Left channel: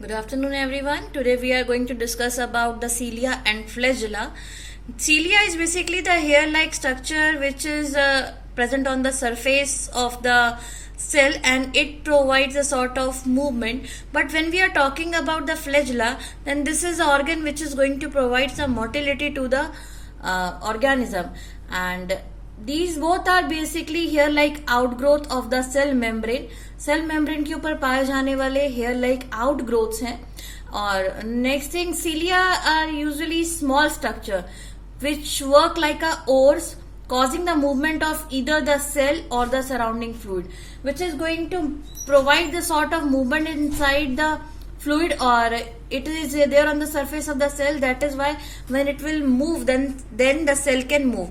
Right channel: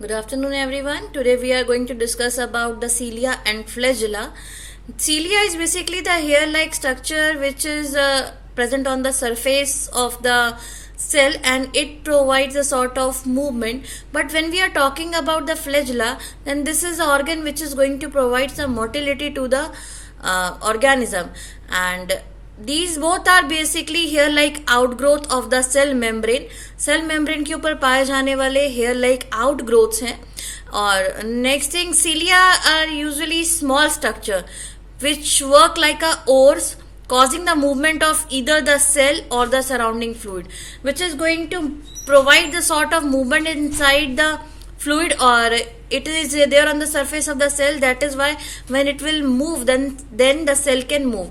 Good afternoon, everyone. Today we are going to discuss about the cilia and flagella. Cilia is basically the hair-like structure which is present on the surface of the cell, and it provides a sort of movement. But when we are talking about the flagella, then this is the organ which is going to provide some motility to the organism, and these both are basically hair like outgrowth of the cell membrane. Cell membrane के ऊपर पाए जाने वाले hair like outgrowths हैं. और next thing, cilia are usually small structure which work like a oars, causing the movement of either the cell or the surrounding fluid, which is going to provide the sort of movement inside the fluid, or it is there on the surface of the cell. That is why when it will move, then the cell can move.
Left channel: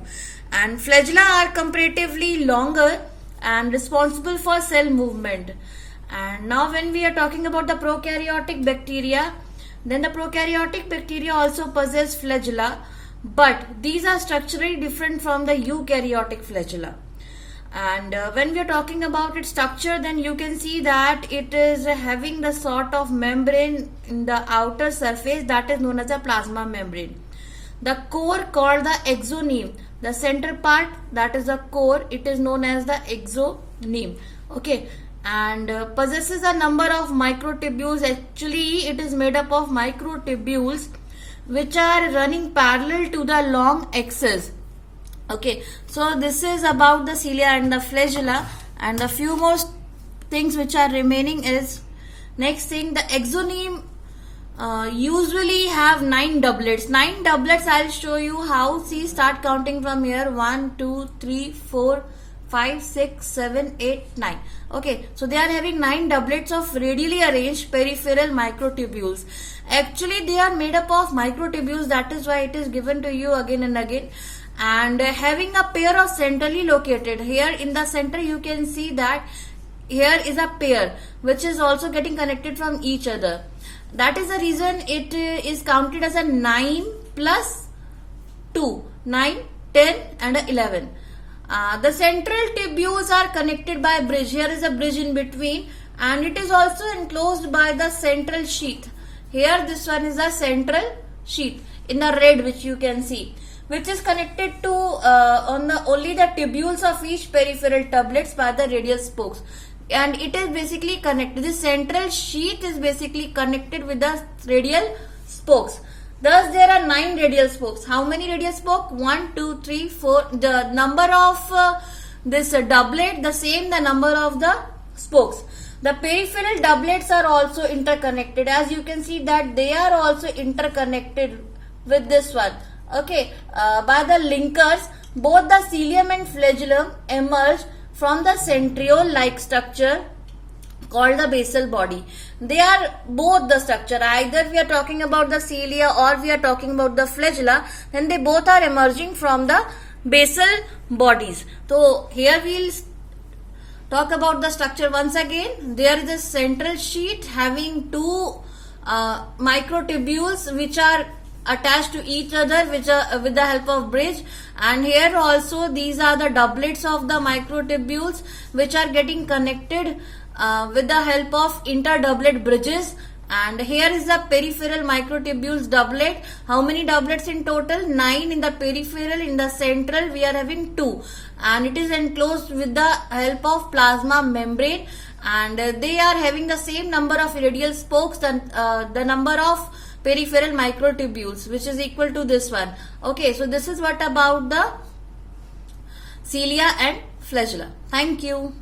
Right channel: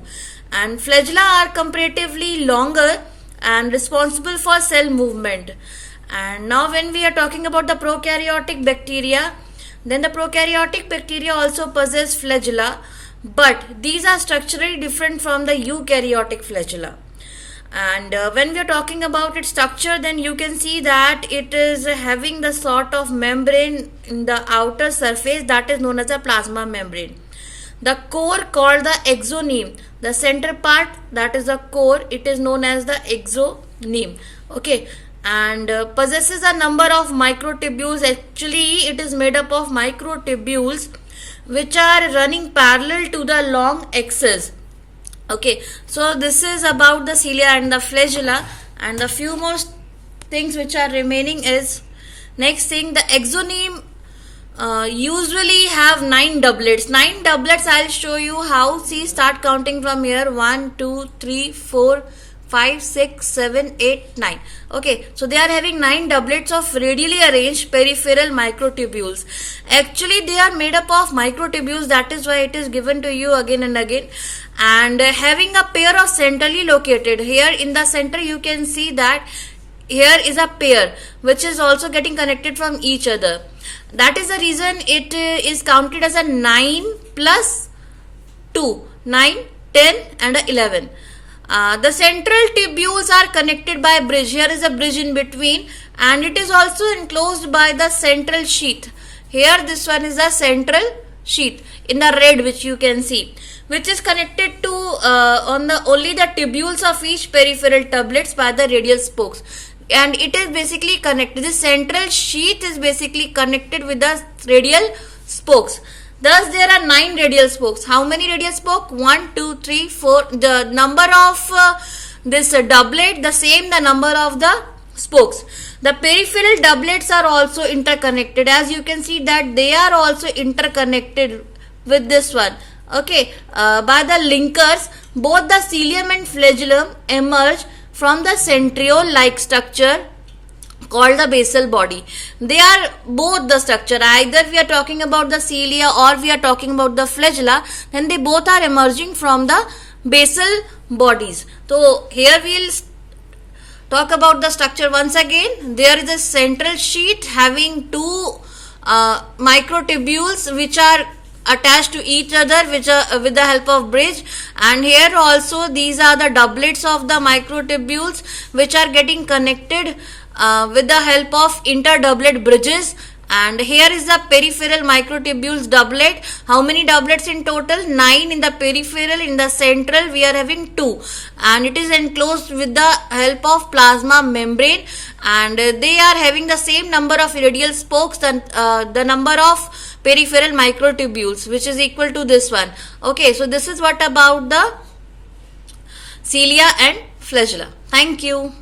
And flagella are comparatively longer and responsible for cell movement. And now when we are talking about the prokaryotic bacteria, then the prokaryotic bacteria also possess flagella, but these are structurally different from the eukaryotic flagella. And when we are talking about its structure, then you can see that it is having the sort of membrane in the outer surface that is known as a plasma membrane. The core called the exoneme, the center part, that is the core, it is known as the exoneme. Okay, and possesses a number of microtubules. Actually it is made up of microtubules which are running parallel to the long axis. Okay, so this is about the cilia and the flagella, and the few more things which are remaining is, next thing, the exoneme usually have 9 doublets. 9 doublets, I'll show you how. See, start counting from here. 1, 2, 3, 4, 5, 6, 7, 8, 9. Okay, so they are having 9 doublets of radially arranged peripheral microtubules. Actually they are made up of microtubules, that is why it is given to you again and again. And having a pair of centrally located, here in the center you can see that here is a pair which is also getting connected from each other. That is the reason it is counted as a 9 plus 2, 9, 10 and 11. The central tubules are connected by a bridge. Here is a bridge in between, and it is also enclosed by the central sheath. Here this one is the central sheath in the red, which you can see, which is connected to only the tubules of each peripheral tublets by the radial spokes. And it is basically connected, the central sheath is basically connected with the radial spokes. Thus there are 9 radial spokes. How many radial spokes? 1, 2, 3, 4. The number of this doublet, the same the number of the spokes. The peripheral doublets are also interconnected. As you can see that they are also interconnected with this one. Okay, by the linkers. Both the cilium and flagellum emerge from the centriole-like structure called the basal body. They are both the structure. Either we are talking about the cilia or we are talking about the flagella, then they both are emerging from the basal bodies. So here we will talk about the structure once again. There is a central sheath having 2 microtubules which are attached to each other with the help of bridge, and here also these are the doublets of the microtubules which are getting connected with the help of interdoublet bridges. And here is the peripheral microtubules doublet. How many doublets in total? 9 in the peripheral. In the central we are having 2, and it is enclosed with the help of plasma membrane, and they are having the same number of radial spokes than the number of peripheral microtubules, which is equal to this one. Okay, so this is what about the cilia and flagella. Thank you.